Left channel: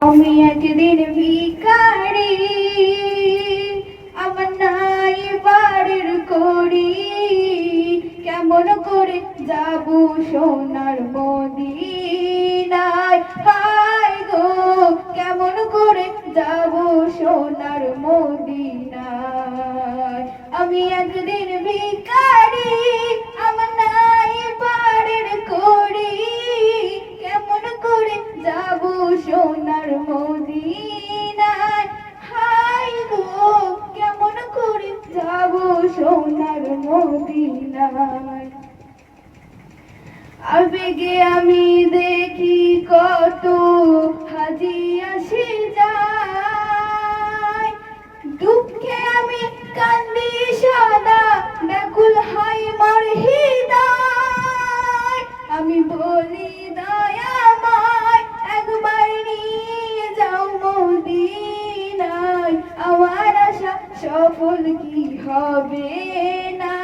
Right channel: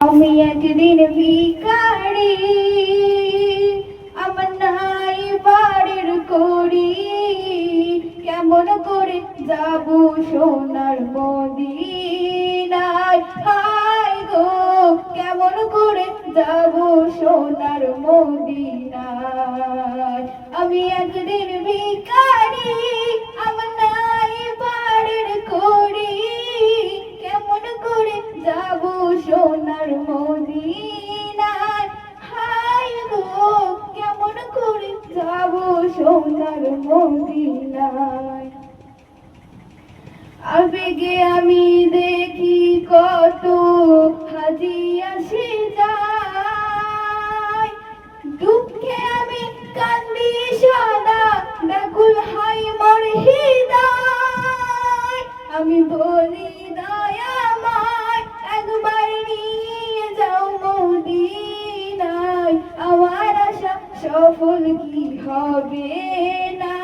আমি একদিন ভিখারি, আমার নাই বাড়ির কড়ি, কেমন করে যাব সোনার মদিনায়? হায় গো, কেমন করে যাব সোনার মদিনায়? আমি একদিন ভিখারি, আমার নাই বাড়ির কড়ি, কেমন করে যাব সোনার মদিনায়? হায় গো, কেমন করে যাব সোনার মদিনায়? আবেগে আমি দেখি কত হাজি আসে যায়, দুঃখে আমি কান্দি সদা, ব্যাকুল হয় মোর হৃদয়। আমি বলি দয়াময়, একবার নিয়ে যাও মদিনায়, আমার আশা সফল কি হবে না?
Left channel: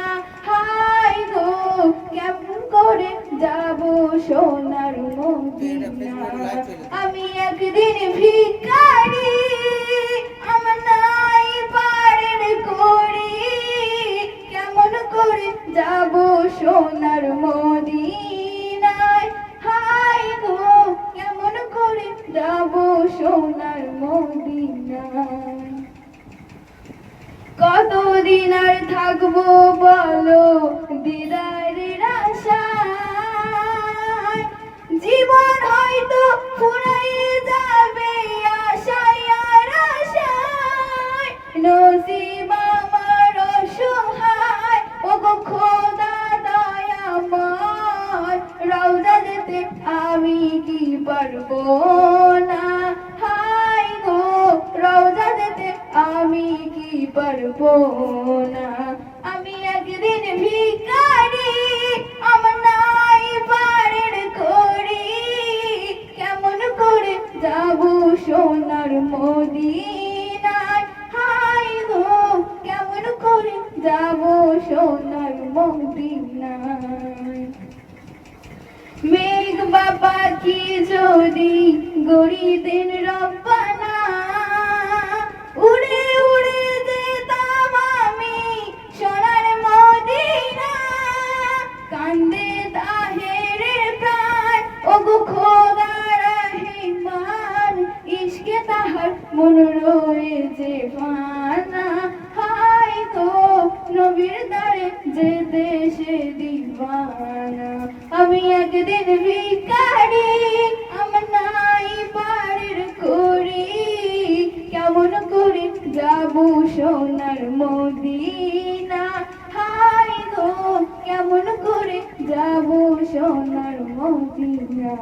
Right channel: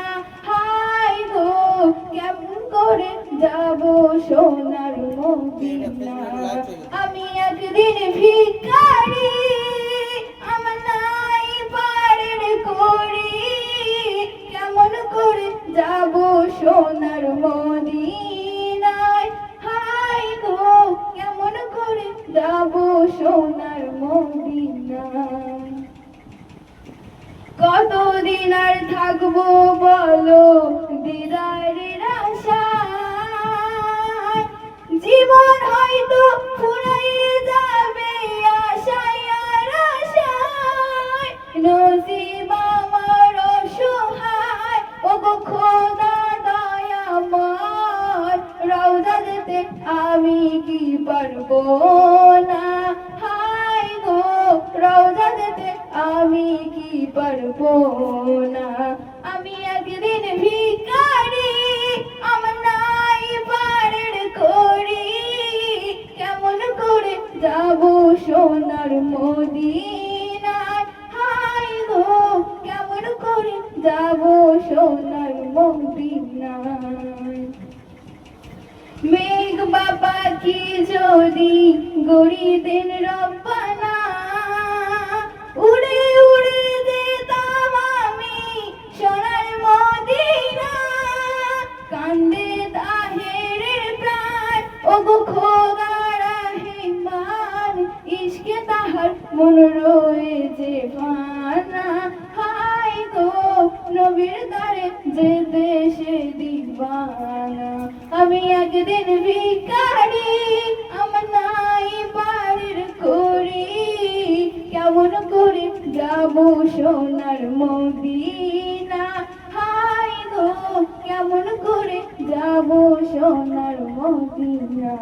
হায় গো, কেমন করে যাব সোনার মদিনায়? আমি একদিন ভিখারি, আমার নাই পারের কড়ি, কেমন করে যাব সোনার মদিনায়? হায় গো, কেমন করে যাব সোনার মদিনায়? কতদিন আর থাকবো বলো দিদারের আশায়? জীবন হয়তো ফুরাইয়ে যাবে আশায় আর আশায়। নসিব আমার অসহায়, ওগো খোদা দয়াময়, রওজা যেতে আমি কি পারবো না? হায় গো, রওজা যেতে আমি কি পারবো না? আমি একদিন ভিখারি, আমার নাই পারের কড়ি, কেমন করে যাব সোনার মদিনায়? হায় গো, কেমন করে যাব সোনার মদিনায়? মেঘ বাবা কি যদি গরিবের রব্বানা, উড়ে উড়ে যেতাম আমি সোনার মদিনা। কান্দে তাহেরে প্রাণ, ওগো খোদা রহমান, ইশকে তাহার মন রয়েছে ভানা। হায় গো, নবীর দ্বারে যেতে সে দিবানা। আমি একদিন ভিখারি, আমার নাই বাড়ির কড়ি, কেমন করে যাব সোনার মদিনা? হায় গো, কেমন করে যাব সোনার মদিনা?